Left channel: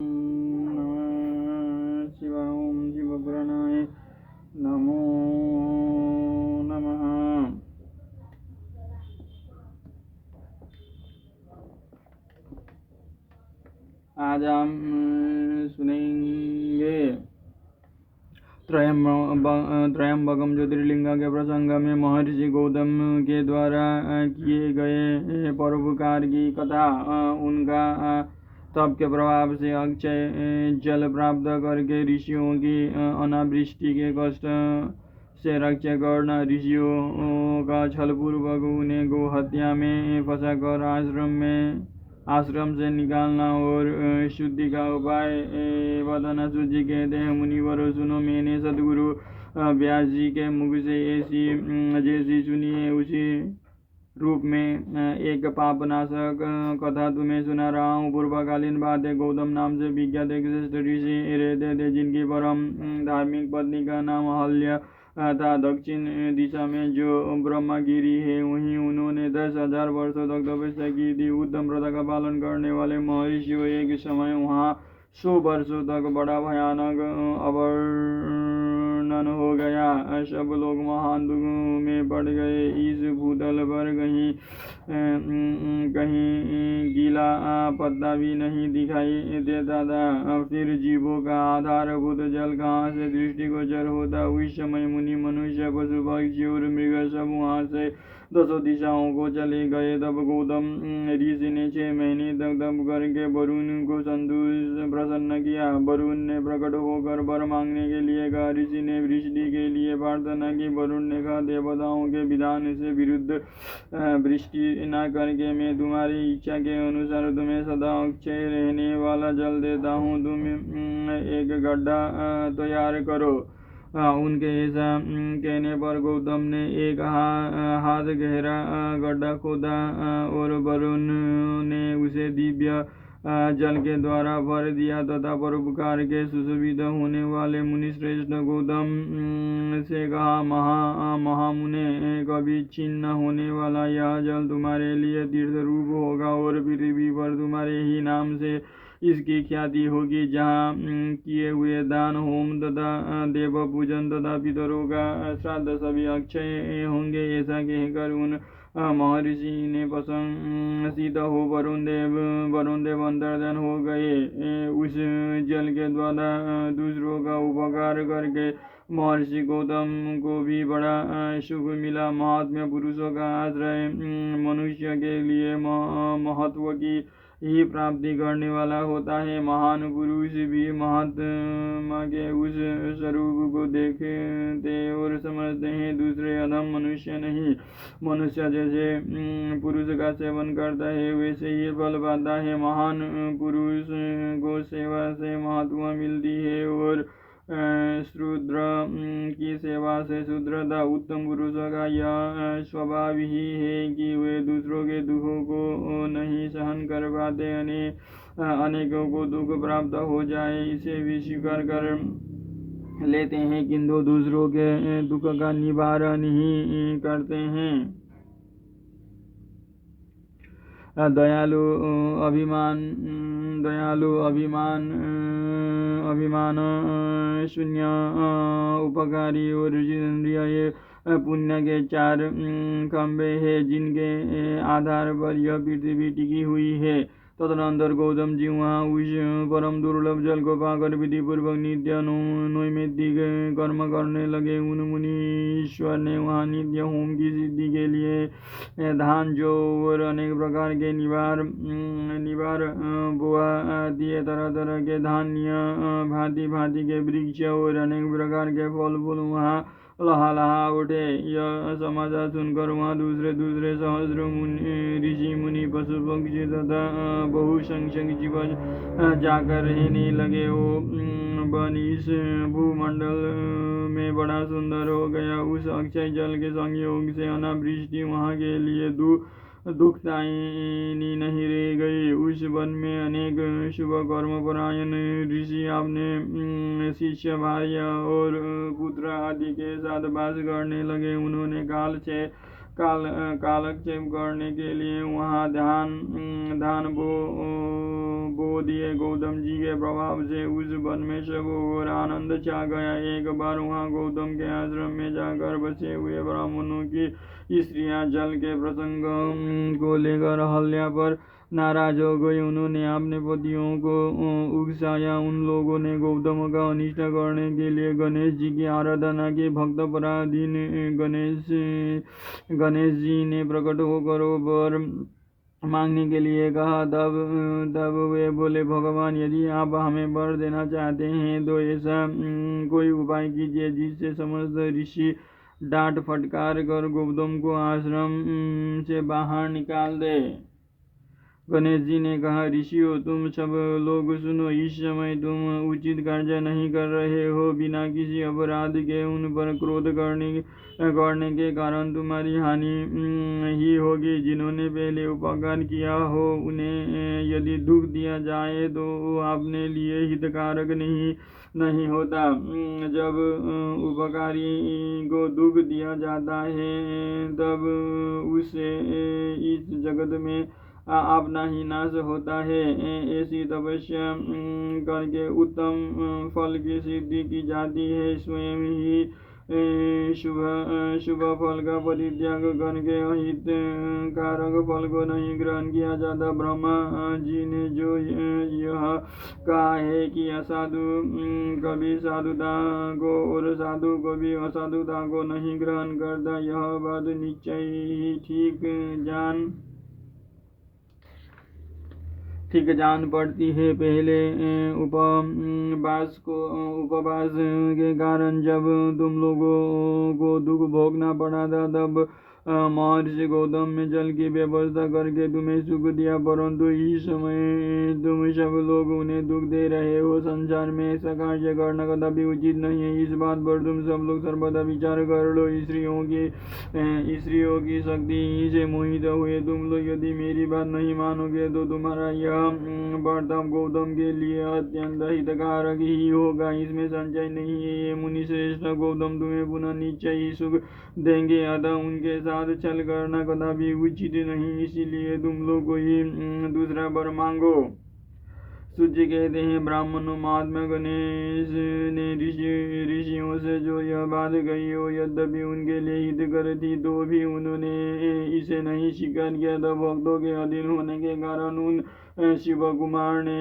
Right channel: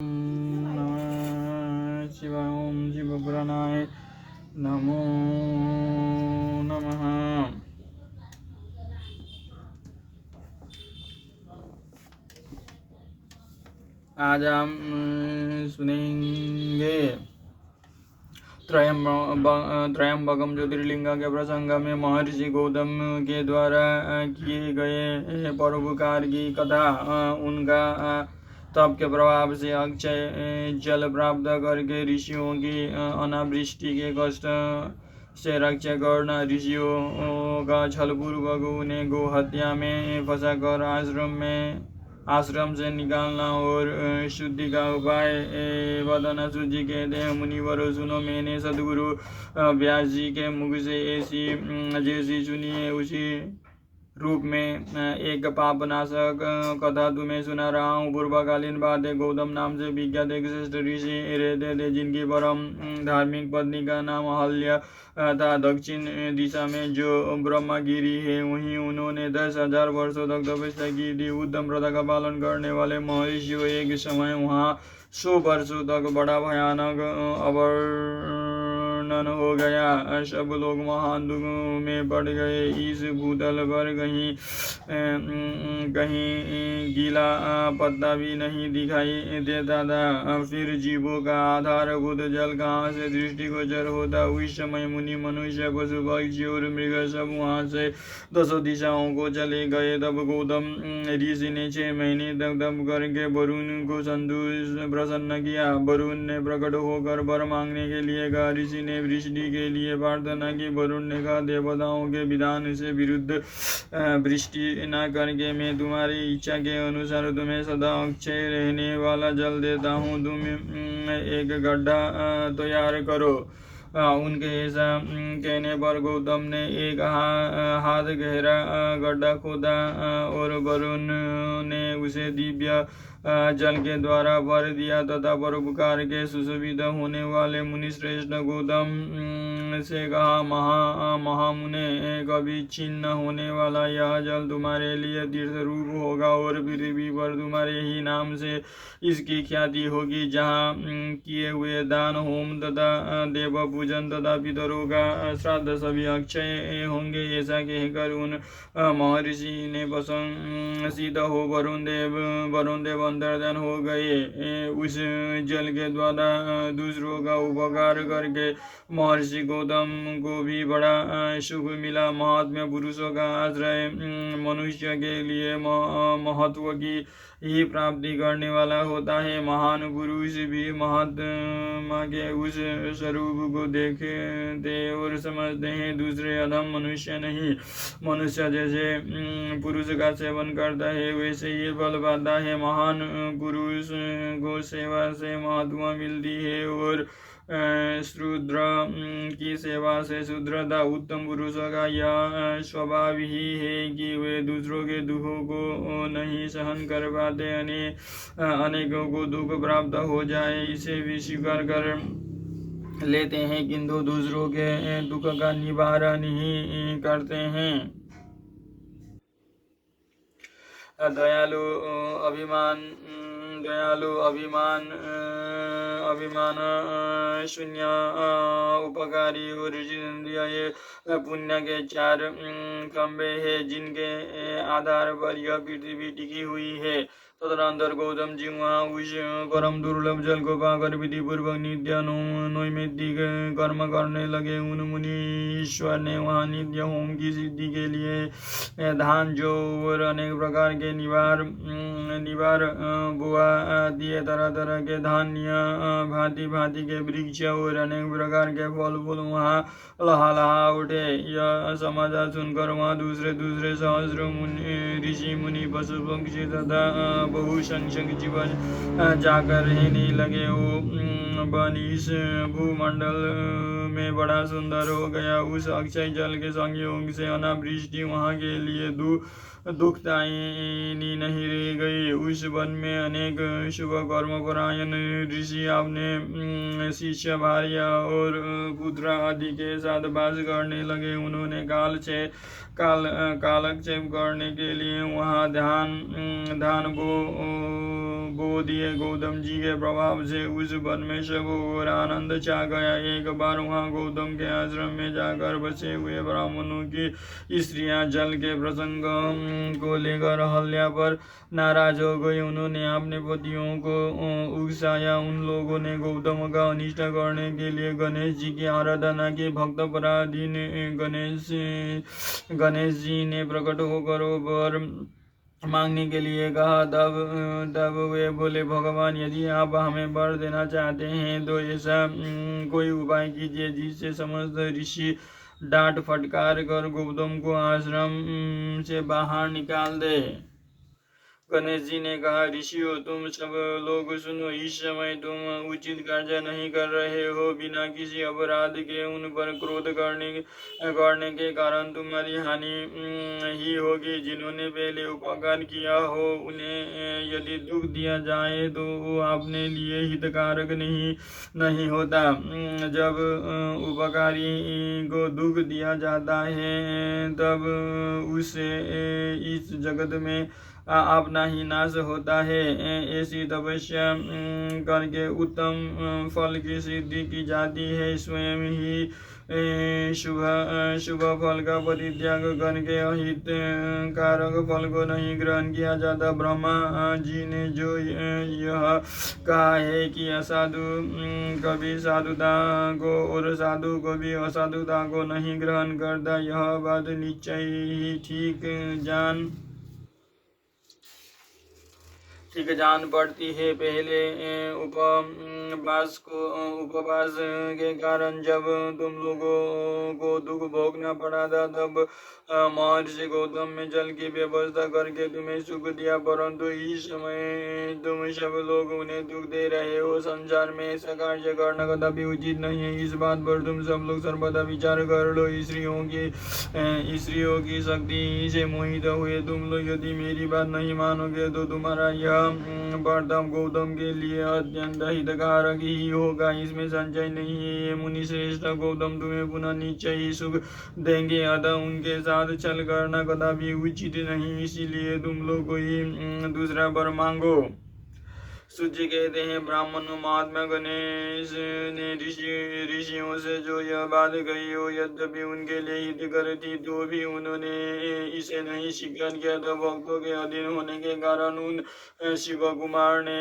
नमः शिवाय। ओम शिवपुराणाय नमो नमः। आज हम सुनेंगे त्रयंबकम ज्योतिर्लिंग के प्रसंग में महर्षि गौतम के द्वारा किए गए परोपकार की कथा। उनका तप के प्रभाव से अक्षय जल प्राप्त करके ऋषियों की अनावृष्टि के कष्ट से रक्षा करना, ऋषियों का छलपूर्वक उन्हें गो हत्या में फंसाकर आश्रम से निकालना और शुद्धि का उपाय बताना। सूजी कहते हैं, मुनिवरों सुनो, मैंने सदगुरु व्यास जी के मुख से जैसी सुनी है उसी रूप में एक पापनाशक कथा तुम्हें सुना रहा हूँ। पूर्वकालीन बात है, गौतम नाम से विख्यात एक श्रेष्ठ ऋषि रहते थे, जिनकी परम धार्मिक पत्नी का नाम अहल्या था। दक्षिण दिशा में जो ब्रह्मगिरी है, वहीं उन्होंने 10,000 वर्षों तक तपस्या की थी। उत्तम प्रथा का पालन करने वाले महर्षियों एक समय वहाँ 100 वर्षों तक बड़ा भयानक अवर्णन हो गया। सब लोग महान दुख में पड़ गए। इस भूतल पर कहीं गीला पत्ता भी नहीं दिखाई देता था। फिर जीवों का आधारभूत जल कहाँ से दृष्टिगोचर होता। उस समय मुनि, मनुष्य, पशु, पक्षी और मृग सब वहाँ से 10 दिशाओं को चले गए। तब गौतम ऋषि ने 6 महीने तक तप करके वरुण को प्रसन्न किया। वरुण ने प्रकट होकर वर मांगने के लिए कहा। ऋषि ने वृष्टि के लिए प्रार्थना की। वरुण ने कहा, देवताओं के विधान से विरुद्ध वृष्टि न करके मैं तुम्हारी इच्छा के अनुसार तुम्हें सदा अक्षय रहने वाला जल देता हूँ। तुम एक गड्ढा तैयार करो। उनके ऐसा कहने पर गौतम ने एक हाथ गहरा गड्ढा खोदा और वरुण ने उसे दिव्य जल के द्वारा भर दिया तथा परोपकार के सुशोभित होने वाले मुनिश्रेष्ठ गौतम से कहा, महामुने, कभी छिन्न होने वाला यह जल तुम्हारे लिए तीर्थ रूप होगा और पृथ्वी पर तुम्हारे ही नाम से इसकी ख्याति होगी। जहाँ किए हुए दान, होम तथा देव पूजन तथा पितरों का श्राद्ध सभी अक्षय होंगे। ऐसा कहकर उन महर्षि ने प्रसन्नचित्त हो वरुण देव अंतर्धान हो गए। उस जल के द्वारा दूसरों का उपकार करके महर्षि गौतम को भी बड़ा सुख मिला। महात्मा पुरुषों का आश्रय मनुष्य के लिए महत्व की ही प्राप्ति करने वाला होता है। महान पुरुष भी महात्मा के उस स्वरूप को देखते और समझते हैं, दूसरे अधम मनुष्य नहीं। मनुष्य जैसे पुरुष का सेवन करता है वैसे ही फल पाता है। महान पुरुष को सेवा से महत्व मिलती है और शूद्र की सेवा से शूद्रता। उत्तम पुरुषों का यह स्वभाव ही है कि वे दूसरों के दुखों को नहीं सहन कर पाते। अनेकों को दुख प्राप्त हो जाए इसे भी स्वीकार कर लेते हैं, किंतु दूसरों के दुख का निवारण ही करते हैं। दयालु अभिमान शून्य उपकारी और जितेंद्रिय, ये पुण्य के 4 खंभे हैं जिनके आधार पर यह पृथ्वी टिकी हुई है। तदनंतर गौतम जी वहाँ उस परम दुर्लभ जल को पाकर विधि पूर्वक नित्य नैमित्तिक कर्म करने लगे। उन मुनीश्वर ने वहाँ नित्य होम की सिद्धि के लिए धान, जौ और अनेक प्रकार के निवार बोआ दिए। तरह तरह के धान्य, भांति भांति के वृक्ष और अनेक प्रकार के फल फूल वहाँ लहा उठे। यह समाचार सुनकर वहाँ दूसरे सहस्र ऋषि मुनि, पशु पक्षी तथा बहुसंख्यक जीव जाकर रहने लगे। वन इस भूमंडल में बड़ा सुंदर हो गया। उस अक्षय जल के संयोग से अनावृष्टि वहाँ के लिए दुखदायिनी नहीं रह गई। उस वन में अनेक शुभ कर्मपरायण ऋषि अपने शिष्य, भार्या और पुत्र आदि के साथ वास करने लगे। उन्होंने कालक्षेप करने के लिए वहाँ धान बो दिए। गौतम जी के प्रभाव से उस वन में सब और आनंद छा गया। एक बार वहाँ गौतम के आश्रम में जाकर बसे हुए ब्राह्मणों की स्त्रियां जल के प्रसंग को लेकर अहल्या पर नाराज हो गई। उन्होंने अपने पतियों को उकसाया। उन लोगों ने गौतम का अनिष्ट करने के लिए गणेश जी की आराधना की। भक्त पराधीन गणेश जी ने प्रकट होकर वर मांगने के लिए कहा। तब वे बोले, भगवान, यदि आप हमें वर देना चाहते हैं तो ऐसा कोई उपाय कीजिए जिससे समस्त ऋषि डांट फटकार कर गौतम को आश्रम से बाहर निकाल दे। गणेश जी ने कहा, ऋषियों, तुम सब लोग सुनो। इस समय तुम उचित कार्य नहीं कर रहे हो। बिना किसी अपराध के उन पर क्रोध करने के कारण तुम्हारी हानि ही होगी। जिन्होंने पहले उपकार किया हो उन्हें यदि दुख दिया जाए तो वो अपने लिए हितकारक नहीं होता। जब उपकारी को दुख दिया जाता है तब उससे इस जगत में अपना ही नाश होता है। ऐसी तपस्या करके उत्तम फल की सिद्धि की जाती है। स्वयं ही शुभ फल का परित्याग करके अहित कारक फल को नहीं ग्रहण किया जाता। ब्रह्मा जी ने जो यह कहा है कि असाधु कभी साधुता को और साधु कभी असाधुता को नहीं ग्रहण करता, यह बात निश्चय ही ठीक जान पड़ती है। पहले उपवास के कारण जब तुम लोगों को दुख भोगना पड़ा था तब महर्षि गौतम में जल की व्यवस्था करके तुम्हें सुख दिया, परंतु इस समय तुम सब लोग उन्हें दुख दे रहे हो। संसार में ऐसा कार्य करना कदापि उचित नहीं है। इस बात पर तुम सब लोग सर्वदा विचार कर लो। स्त्रियों की शक्ति से मोहित हुए तुम लोग यदि मेरी बात नहीं मानोगे तो तुम्हारा यह वर्तमान गौतम के लिए अत्यंत हितकारक ही होगा, इसमें संशय नहीं है। ये मुनि श्रेष्ठ, गौतम तुम्हें पुनः निश्चय ही सुख देंगे, अतः उनके साथ छल करना कदापि उचित नहीं। इसीलिए तुम लोग कोई दूसरा वर मांगो। सूची कहते हैं, ब्राह्मणों, महात्मा गणेश ने ऋषियों से जो यह बात कही हो यद्यपि उनके लिए हितकर थी तो भी उन्होंने इसे नहीं स्वीकार किया था। भक्तों के अधीन होने के कारण उन शिव कुमार ने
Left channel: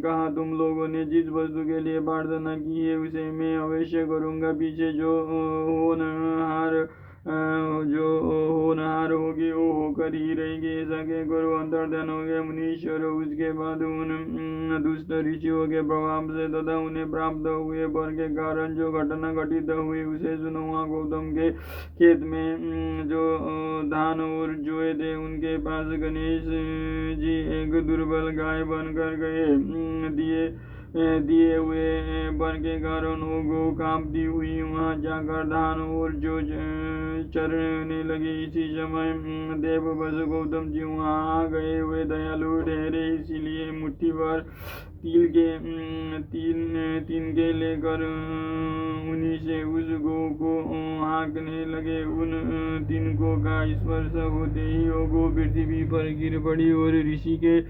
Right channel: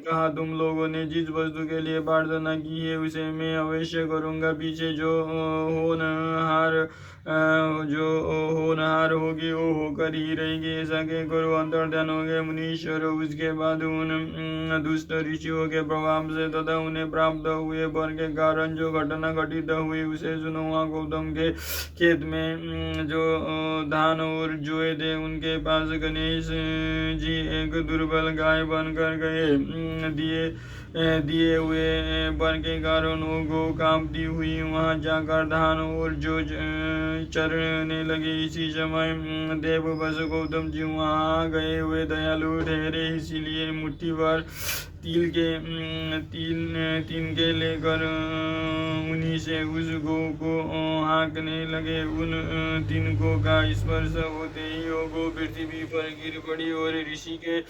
कहा, तुम लोगों ने जिस वस्तु के लिए प्रार्थना की है उसे मैं अवश्य करूँगा। पीछे जो होनहार होगी वो होकर ही रहेगी। ऐसा कहकर अंतर्ध्यान हो गए मुनीश्वर। उसके बाद उन दुष्ट ऋषियों के प्रभाव से तथा उन्हें प्राप्त हुए वर के कारण जो घटना घटित हुई उसे सुनो। वहाँ गौतम के खेत में जो धान और जोए थे उनके पास गणेश जी एक दुर्बल गाय बनकर गए। दिए हुए वर के कारण वो गौ कांपती हुई वहां जाकर धान और जो चरने लगे। इसी समय देव बस गौतम जी वहां आ गए। वे दयालु ठहरे, इसीलिए मुट्ठी भर तिल के लेकर उन्हीं से उस गौ को हाँकने लगे। उन तिनकों का स्पर्श होते ही वो गौ पृथ्वी पर गिर पड़ी और ऋषि के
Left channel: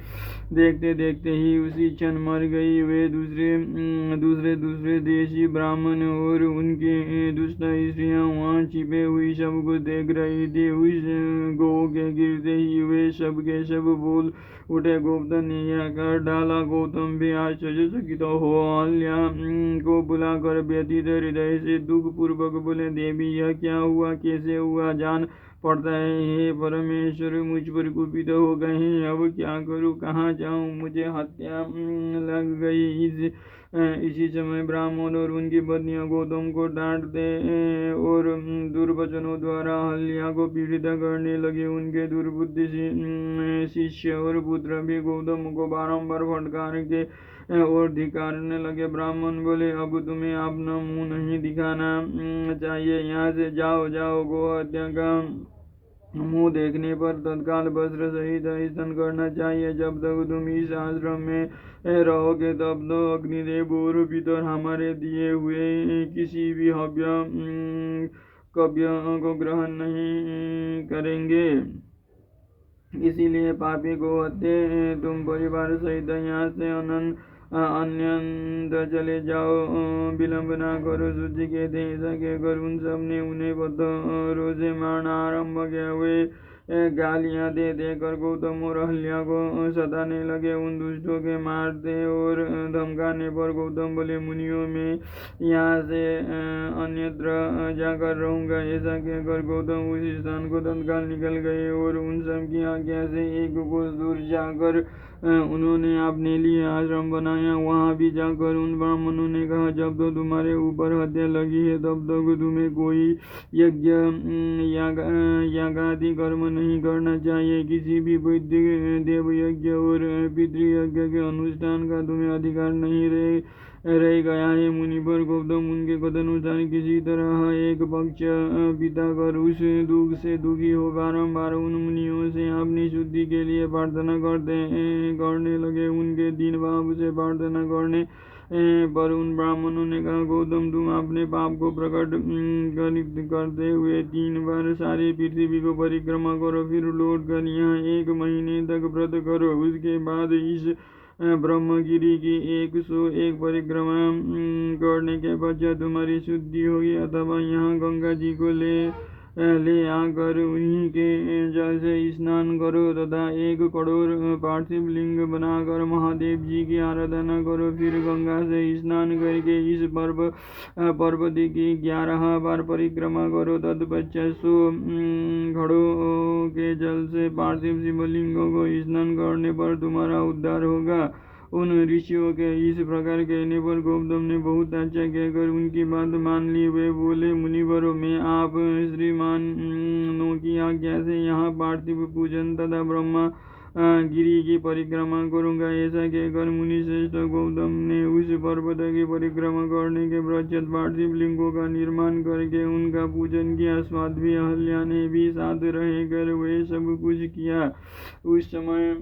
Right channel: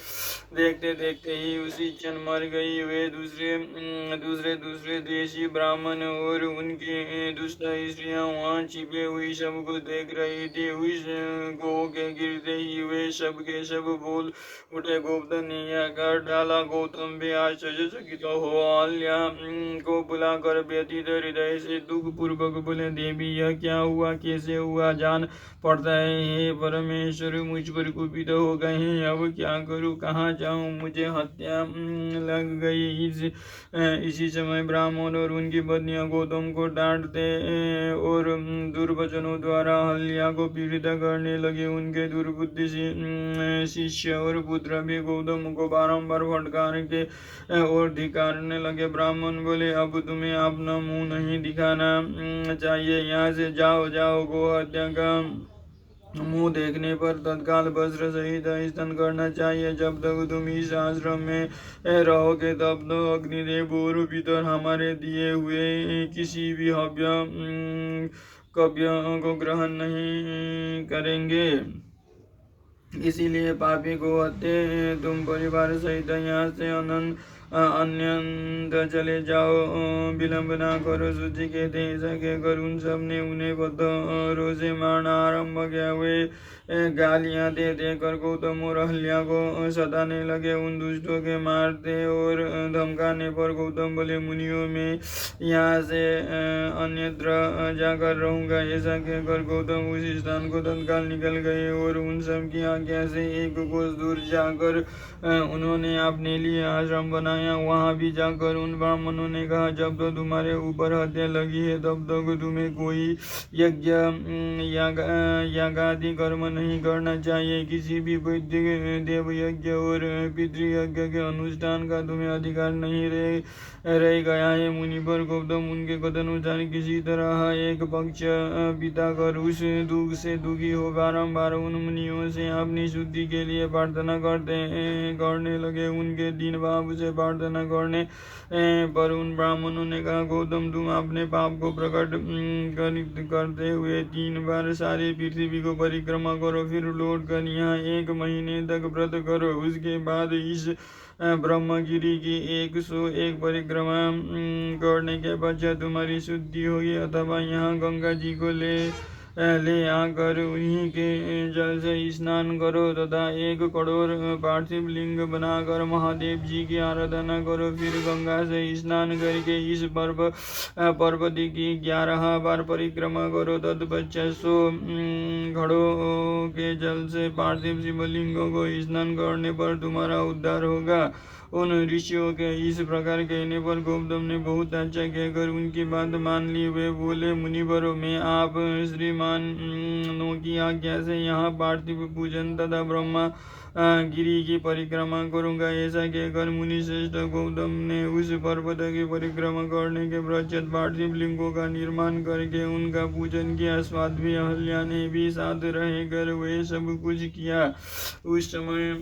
देखते देखते ही उसी क्षण मर गई। वे दूसरे देशी ब्राह्मण और उनकी दुष्ट स्त्रियां वहां छिपे हुई सब कुछ देख रही थी। उस गौ के गिरते ही वे सब के सब बोल उठे, गौतम ने यह कर डाला। गौतम भी आश्चर्यचकित हो अहल्या को बुलाकर व्यथित हृदय से दुख पूर्वक बोले, देवी, यह क्या हुआ, कैसे हुआ? जान पड़ता है हे परमेश्वर मुझ पर कुपित हो गए हैं, अब क्या करूं, कहाँ जाऊं, मुझे हत्या लग गई। इसी समय ब्राह्मण और उनकी पत्नियां गौतम को डांटते और दुर्वचनों द्वारा अहल्या को पीड़ित करने लगे। उनके दुर्बुद्धि शिष्य और पुत्र भी गौतम को बारंबार फटकार के और धिक्कारने लगे। ब्राह्मण बोले, अब तुम्हें अपना मुंह नहीं दिखाना चाहिए, यहाँ से जाओ। गौ हत्या का मुंह देखने पर तत्काल वस्त्र सहित स्नान करना चाहिए। जब तक तुम इस आश्रम में रहोगे तब तक अग्निदेव और पितर हमारे दिए हुए किसी भी हव्य कव्य को ग्रहण नहीं करेंगे। इसीलिए पापी को हत्या तुम परिवार सहित यहाँ से अन्यंत चले जाओ, विलंब ना करो। सूची कहते ऐसा कहकर उन सब ने उन्हें पत्थरों से मारना आरंभ किया। वे गालियां दे देकर गौतम और अहल्या को सताने लगे। उन दुष्टों के मारते और धमकाने पर गौतम बोले, मुनियों में यहाँ से अन्यत्र जाकर रहूंगा। ऐसा कहकर गौतम उस स्थान को तत्काल निकल गए और उन सब की आज्ञा से एक कोस दूर जाकर उन्होंने अपने लिए आश्रम बनाया। वहां भी जाकर उन ब्राह्मणों ने कहा, जब तो तुम्हारे ऊपर हत्या लगी है तब तक तुम्हें कोई यज्ञ यागादि कर्म नहीं करना चाहिए। किसी भी वैदिक देव यज्ञ और पितृयज्ञ के अनुष्ठान का तुम्हें अधिकार नहीं रह गया है। मुनि पर गौतम उनके कथनानुसार किसी तरह एक पक्ष बिता कर उस दुख से दुखी हो बारंबार उन मुनियों से अपनी शुद्धि के लिए प्रार्थना करने लगे। उनके दीन भाव से प्रार्थना करने पर उन ब्राह्मणों ने कहा, गौतम तुम अपने पाप को प्रकट करते हुए 3 बार सारी पृथ्वी को परिक्रमा करो, फिर लौट कर यहाँ 1 महीने तक व्रत करो। उसके बाद इस ब्रह्मगिरी की 101 परिक्रमा करने के पश्चात तुम्हारी शुद्धि होगी। अथवा यहाँ गंगा जी को ले आकर उन्हीं के जल से स्नान करो तथा 1 कठोर पार्थिव लिंग बनाकर महादेव जी की आराधना करो। फिर गंगा से स्नान करके इस पर्वत की 11 बार परिक्रमा करो। तत्पश्चात 100 घड़ों के जल से पार्थिव शिवलिंगों को स्नान करने पर तुम्हारा उद्धार होगा। उन ऋषियों के इस प्रकार कहने पर गौतम ने बहुत अच्छा कहकर उनकी बात मान ली। वे बोले, मुनिवरों, मैं आप श्रीमानों की आज्ञा से यहाँ पार्थिव पूजन तथा ब्रह्मा गिरी की परिक्रमा करूंगा। ऐसा कहकर मुनि श्रेष्ठ गौतम ने उस पर्वत की परिक्रमा करने के पश्चात पार्थिव लिंगों का निर्माण करके उनका पूजन किया। साध्वी अहल्या ने भी साथ रहकर वे सब कुछ किया। उस समय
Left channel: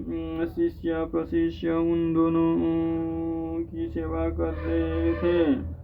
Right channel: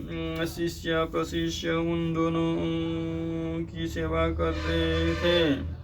शिष्य प्रशिष्य उन दोनों की सेवा कर रहे थे।